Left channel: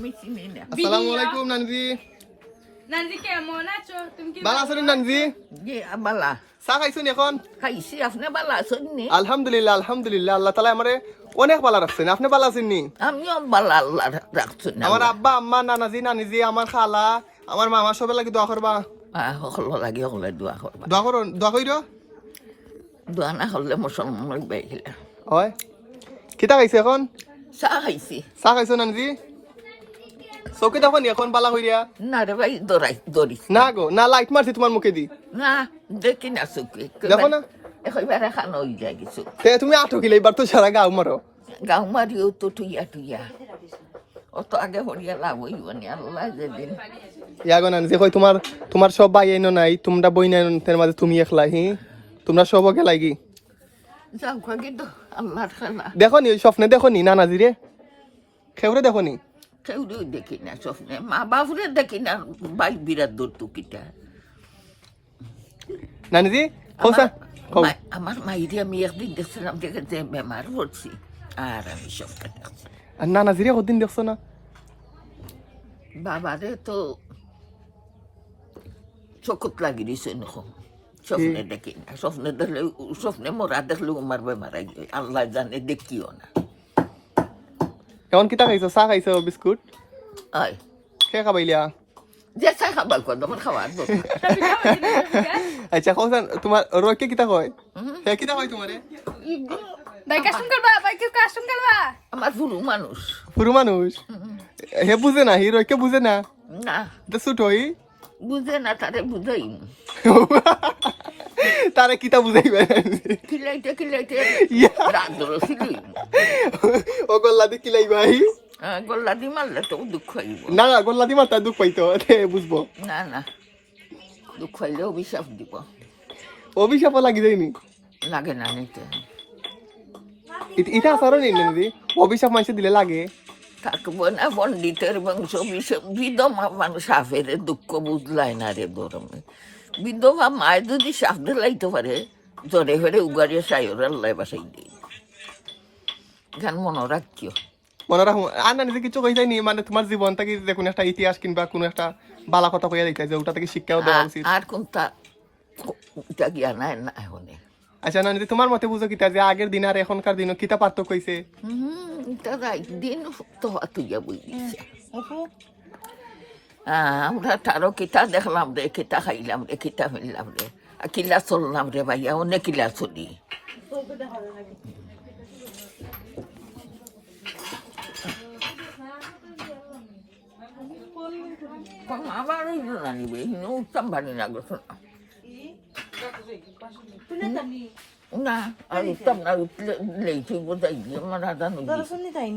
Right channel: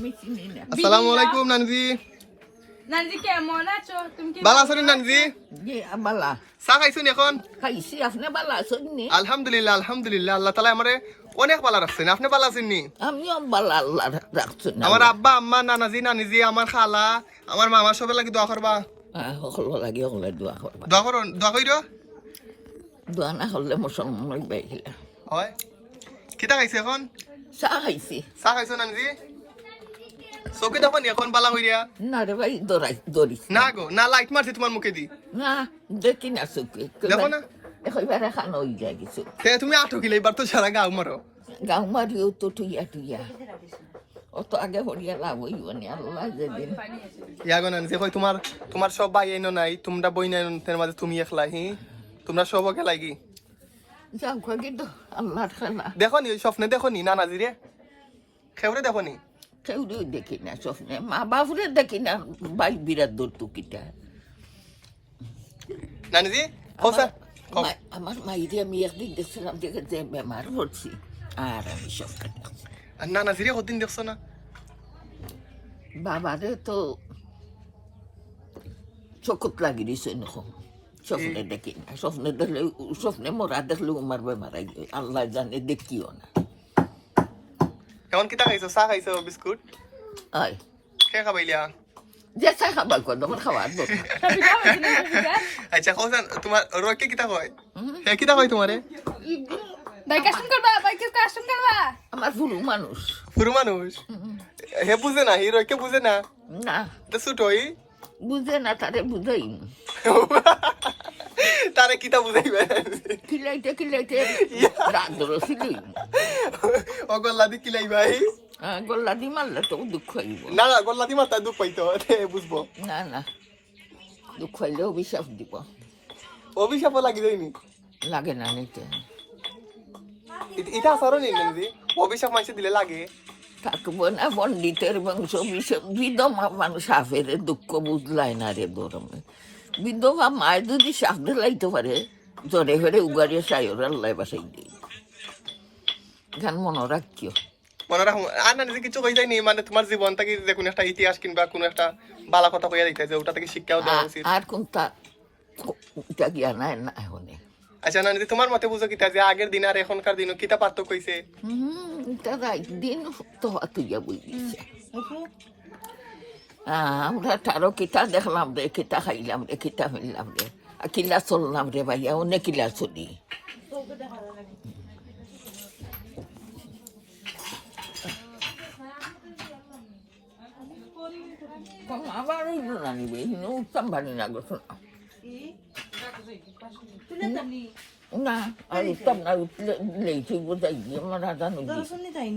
আসসালামু আলাইকুম নানজি। নানজি কেমন আছো? তুমি কি ভালো আছেন নানজি? জি বালা চা খাইছেন এখন? খাইছি। আপনি বালা আছেন নি? আলহামদুলিল্লাহ আলহামদুলিল্লাহ, আল্লাহ তাআলা আমারে অনেক ভালো রাখছেন। আপনি ভালো আছেন নি? আমিও বালা আল্লাহ রাখছেন। আমার আব্বা আম্মা নানাজি নানিজি আমার খালা আমার মামা সবাই লাগি দোয়া করবা। সকলো লাগে সকলে দোয়া করবা। দোয়া করুন, দোয়া কইরো। দোয়া না করলে মুসলমান বাইরে হয় কিতা খাইছে এখন? চাহ খাইছি। চা খাইছো নানজি? চৌকি তখন এখন বালা হইয়া না রে ভাই দৌড়ি না গো, না লাইট মারছি তোমার মুখে দি। না দেখি না চুকি দেখো না একেবারে খানো হয়ে যায় কিছু। তুমি আটো কিলে এবার তো সারা গাও মারো। গাও মারিও তো টুইয়া অত আগে হরিয়া লাভ হইব নি আল্লাহ যেদিন। ইয়াগো নানজি কই তোমার তোমার সব ভাই আইনো নাই, তোমরা বই নাই মাঝে তুমি একলা হি, তোমরা সব কে লাগি যাও কিন্তু আল্লাহর খেলা। দেখো নি ওই স্বপ্নে দেখো নি নানাজি রে খেউরে দেখো নি? কেউ দেখি না স্বপ্নে, মা বাপুরে দেখি না। ভাই বিরাট দূর টুকিটা নানিজি আমার মাইরে আমি একদিন দেখছিলাম দেখে যে বেমার পড়ছি আর আমি স্বপ্নে দেখছি। আর নানাজি রে কতদিন দেখছো না? বাবারে তো চকুত লাগি দিছে নখন, স্বপ্নে দেখি না। স্বপ্নে দেখলে স্বপ্নে মরা দেখলে আমার বেমার আগে আল্লাহ জানে দেখিও না। এখন কিতা খাইছো? চা খাইছো, বিস্কুট আয় খেয়ে খাবাইলিয়া? যে চাই খাবার কর আমার খাবার দরকার। আচ্ছা কোন তোমার রয়কে কিতা কয়? হে কিতা কয় তোমারে? ভাই কাস্টম করবা? ভাই কি কাস্টম করবা? আমার পুরো মানুষ। পুরো মানুষ হে বুঝে না, হি রয়কে বুঝে না। না তো ছোট হই বুঝে না, তারে বুঝাই তারে কিতা বুঝাইবে? খিলাইতে রাত ধরেছিলি ও গল্লা দি কিলাইবাই? গল্লা দি মারলে তো দুঃখ হইব না গল্লা দি মারতা দুঃখ পাইতো বুঝবো না দুঃখ হইলে অভিশাপ দিব। অভিশাপ লাগি যায়নি? লাগে না নিতে এটা আসারও নেই নাকি? অভিশাপ মানুষ দিলে লাগে? থাকবো না পণ্ডিতের বংশ বিধবা মানুষ সাফের দুঃখ বুঝলাই না রে গরমে। বিধবা মায় যদি সাফ দিলাইতে পারে জরে ফেরে উগারিয়ে চাইর আল্লাহ বাসাই দিই গান মনে রাখিও। মনে রাখো আর না কিছু কই যায়নি, মানে তোমার জীবন থেকে যে কোনো একটা ইতিহাস কিংবা কোনো একটা বালা কথা কইয়া যাইতে যে ওটা থেকে শিক্ষা দেওয়া উচিত। আর কোনটা গিয়া নাই না এখন। আচ্ছা না তোমার মতে বুঝো কিতা যে আগের দিন আর এখনকার দিন কিতা পার্থক্য হইছে? তারা দিন তো তুইয়া বুঝিছে। আমরা তারও কিতা দেখলাম রে, কিতা খাইলাম রে, কিতা ফেললাম রে, আর কিলা চললাম রে ভাইয়া, অনেক কিলা চলি। আবার জানিবে উত্তম বাড়ি না গেছো না আর উত্তম না উঠলে বোঝাই আমার আদান